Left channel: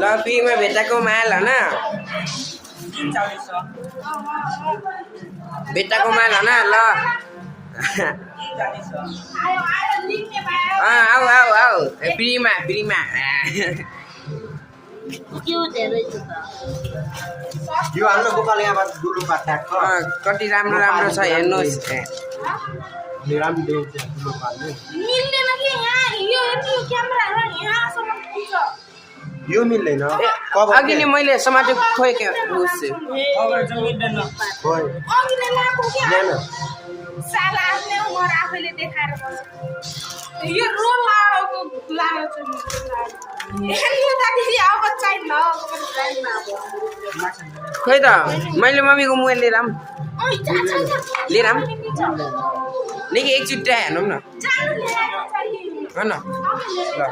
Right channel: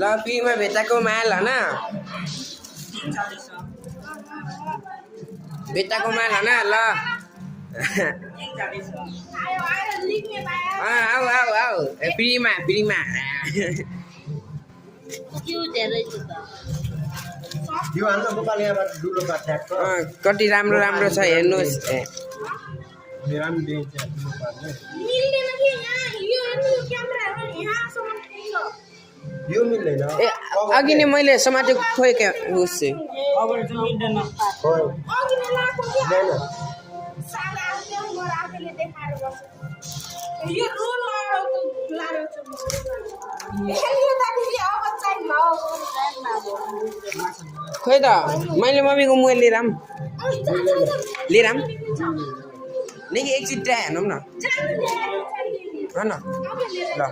ल पिङमा भेटाको माल हैन भेटाको माल हैन ल आऊ आऊ आऊ फ्रीमा यो हाम्रो गोपाल यहाँबाट दुलो पाठ्याको कति राम्रो राम्रो छ हेर्नुहोस् राम्रो देख्छ दुलो पाल्ने मिल्दैन कि यहाँ यो यति क्यामेराहरु यहाँसम्म पुग्छ यो मिल्दैन अघि नै मैले समातेको खोइ के होस् अब चाहिँ मिल्दैन खोइ अघि नै लाएको के ल्यान साला आफ्नै उमर आफैले देखाएर बस्छ यो रोल लाडोको लाडो चाहिँ हेर्नु त दिदी अब चाहिँ ल खोइ त मैले मम्मीको मोबाइल लिएर आऊँ लिएर आऊँ निकै एकचोटि हेर्नु न जानु नि ल